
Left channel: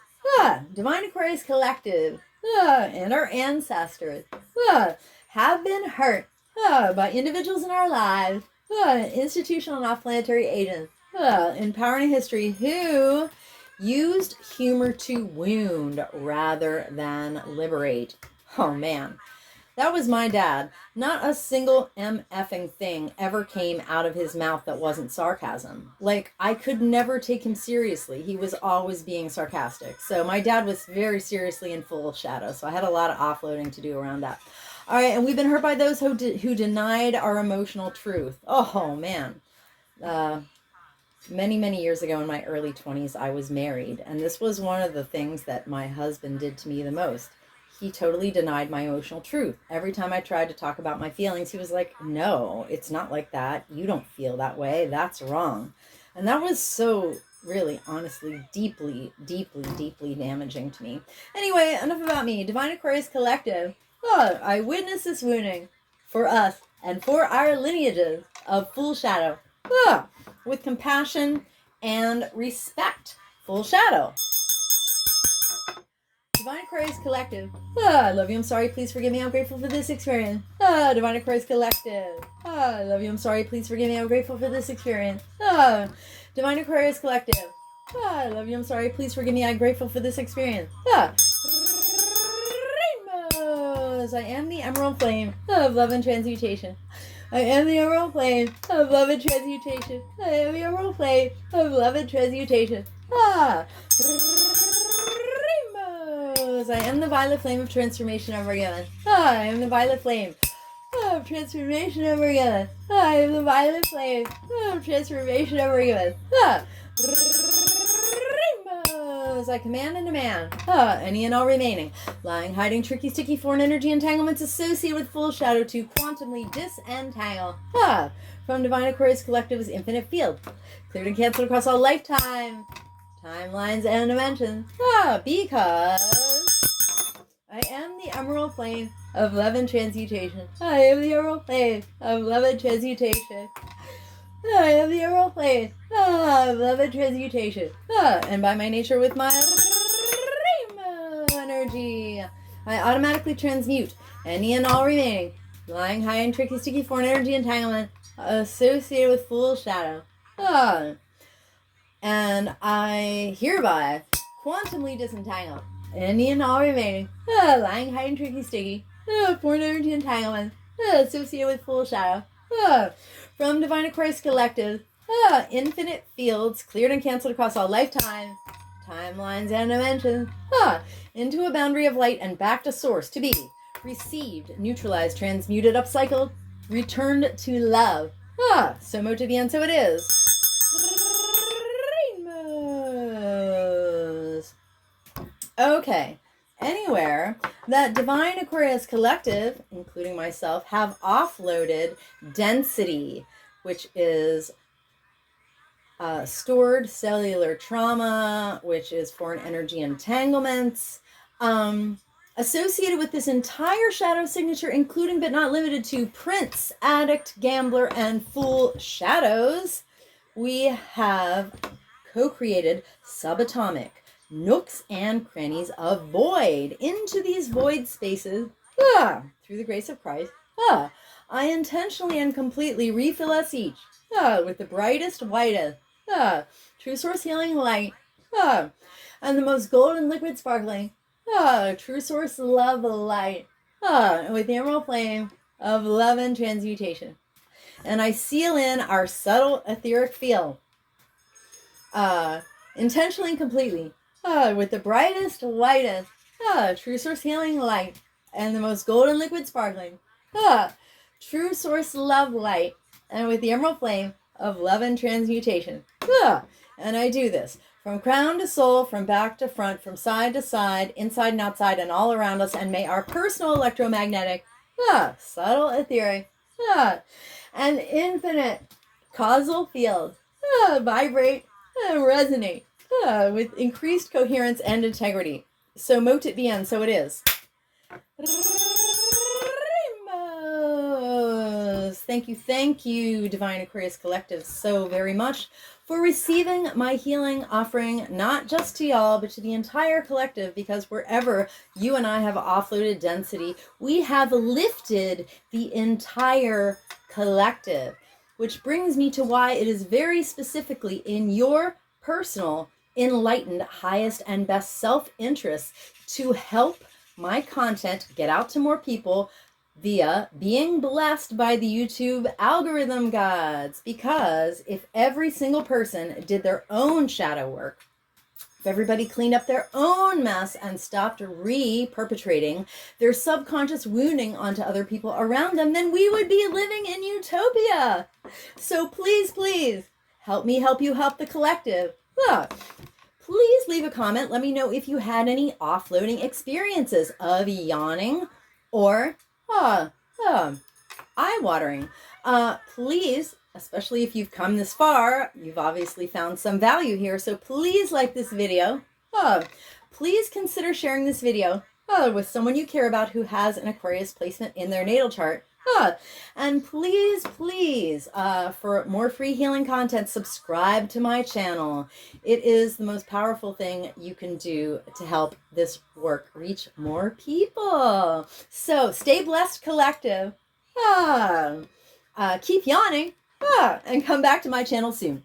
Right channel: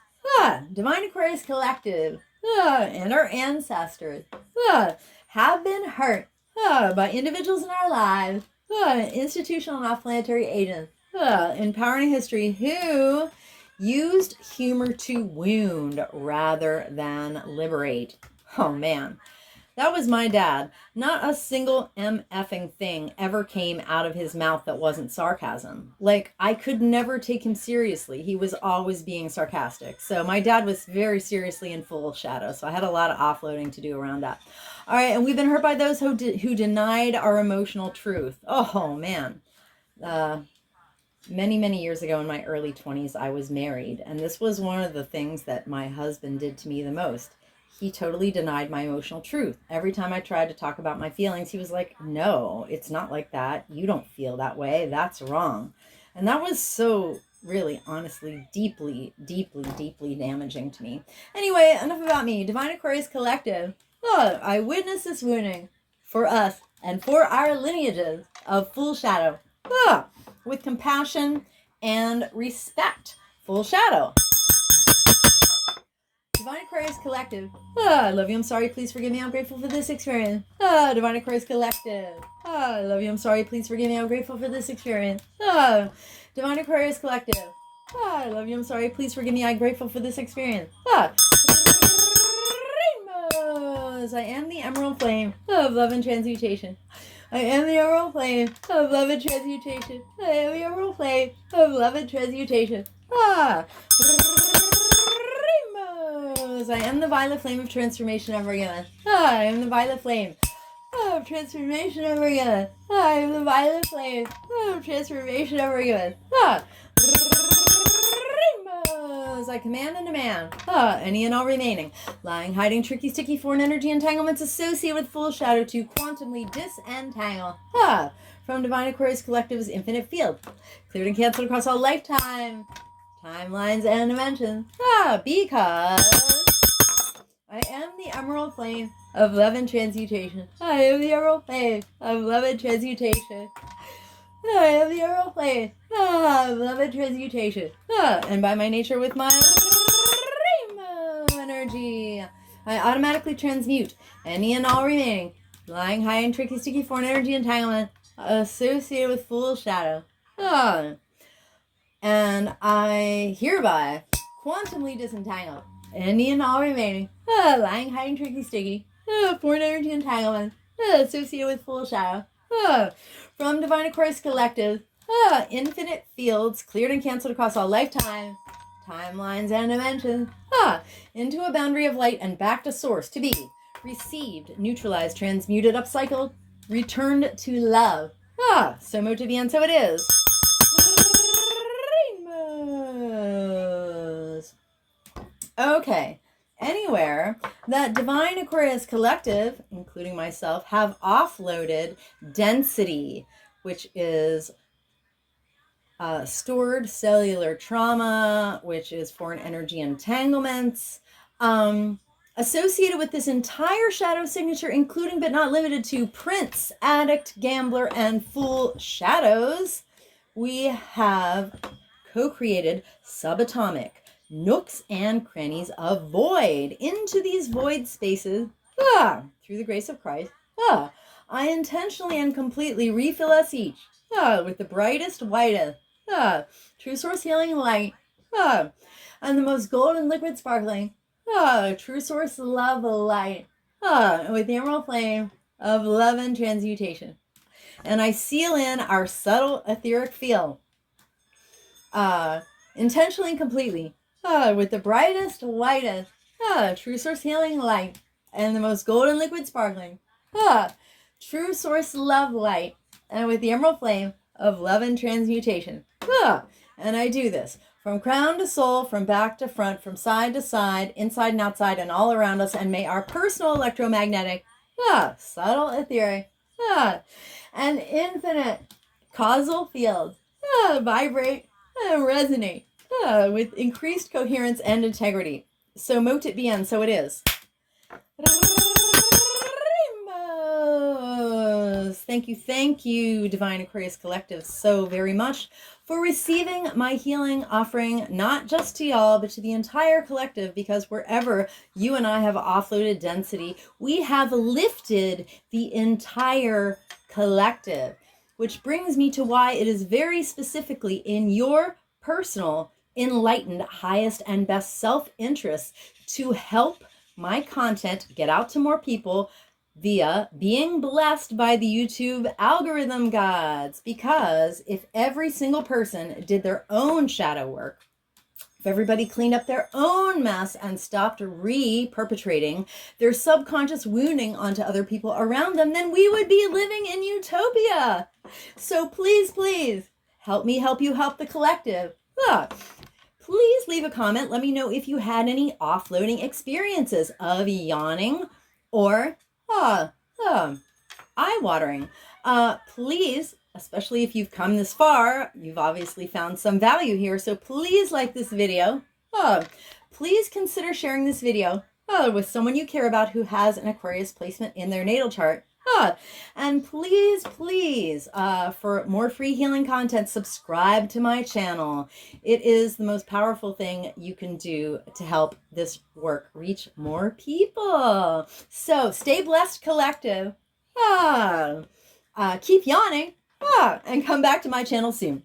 Divine Aquarius Collective and our ancestors have been hurt by individuals in our lives, institutional and off-planetary agents in power and history who used humor to wound rather than liberate. Oh man. That was my dad. Not a single MFing thing ever came out of his mouth that wasn't sarcasm. Like, I could never take him seriously. He was always being sarcastic. So my dad was very seriously in full shadow. So I had a lot of offloading to do around that. All right, and we've been hurt by those who denied our emotional truth. Oh, man. Many, many years ago in my early 20s, I was married. And this was one of the things that my husband did to me the most. He totally denied my emotional truth. Every time I tried to talk about my feelings, he was like, no, it's not like that. You don't feel that way. That's wrong. And that was so really, honestly, deeply, deeply, deeply damaging to me. Anyway, enough about me. Divine Aquarius Collective. I witness this wounding for us and for our lineages of Full Shadow with compassion and respect. Full Shadow. Divine Aquarius Collective. I love you. I'm sorry. Please forgive me. I'm grateful for this experience. Divine Aquarius Collective. I love you. I'm sorry. Please forgive me. I'm grateful for this experience. Divine Aquarius Collective. I love you. I'm sorry. Please forgive me. I'm grateful for this experience. Rainbows. I am the emerald flame of love and transmutation. I am the emerald flame of love and transmutation. I am the emerald flame of love and transmutation. I am the violet flame of transformation of Rihanna. I am the violet flame of Transformation over again. I am the violet flame. Transformation over again. Rainbows. I command and demand. Any and all remaining. Lying, hiding, tricky, sticky, foreign energy entanglements associated with full shadow to quantumly disentangle. From Divine Aquarius Collective's infinite field. Cleared and canceled across all lifetime, timelines, and dimensions. Because I am the emerald flame of love and transmutation. I am the emerald flame of love and transmutation. I am the emerald flame of love and transmutation. And by my nature with my rainbow energy, I automatically transmute any and all remaining lying, high, and tricky, sticky foreign energy entanglement associated with full shadow. And I hereby quantumly disentangle any and all remaining lying, high, and tricky, sticky foreign energy entanglement associated with full shadow. From Divine Aquarius Collective, infinite fields cleared and canceled across all lifetime, timelines, and dimensions, into a boundary of light and back to source to be received, neutralized, transmuted, upcycled, returned to love. So mote to be, and so it is. Rainbows. Okay. Anywhere that Divine Aquarius Collective, including myself, have offloaded density, which is stored cellular trauma, which is foreign energy entanglements, associated with this entire shadow signature, including but not limited to prince, addict, gambler, and fool shadows, we have co-created subatomic nooks and crannies of void. Into these void spaces, through the grace of Christ, I intentionally and completely refill us each with the brightest, whitest, true source healing light, and the most golden liquid sparkling, true source love light, with the emerald flame of love and transmutation. And I seal in our subtle etheric field, intentionally and completely, with the brightest, whitest, true source healing light, and the most golden liquid sparkling, true source love light, and with the emerald flame of love and transmutation. And I do this from crown to sole, from back to front, from side to side, inside and outside, and all around us. And may our personal electromagnetic, subtle etheric, and infinite causal fields vibrate and resonate with increased coherence and integrity. So mote it be, and so it is. Rainbows. Thank you, Divine Aquarius Collective, so very much for receiving my healing offering, not just to y'all, but to the entire collective, because wherever you and I have offloaded density, we have lifted the entire collective, which brings me to why it is very specifically in your personal, enlightened, highest and best self-interest to help my content get out to more people via being blessed by the YouTube algorithm gods. Because if every single person did their own shadow work, if everybody cleaned up their own mess and stopped re-perpetrating their subconscious wounding onto other people around them, then we would be living in utopia. So please, please, help me help you help the collective. Please leave a comment. Let me know if you had any offloading experiences of yawning or eye-watering. Please, especially if you've come this far, you've obviously found some value here, so please like this video. Please consider sharing this video with someone you care about who has an Aquarius placement in their natal chart. And please, for more free healing content, subscribe to my channel. It is the most powerful thing you can do to help this work reach more people. So stay blessed, collective. Keep yawning, and come back to my channel soon.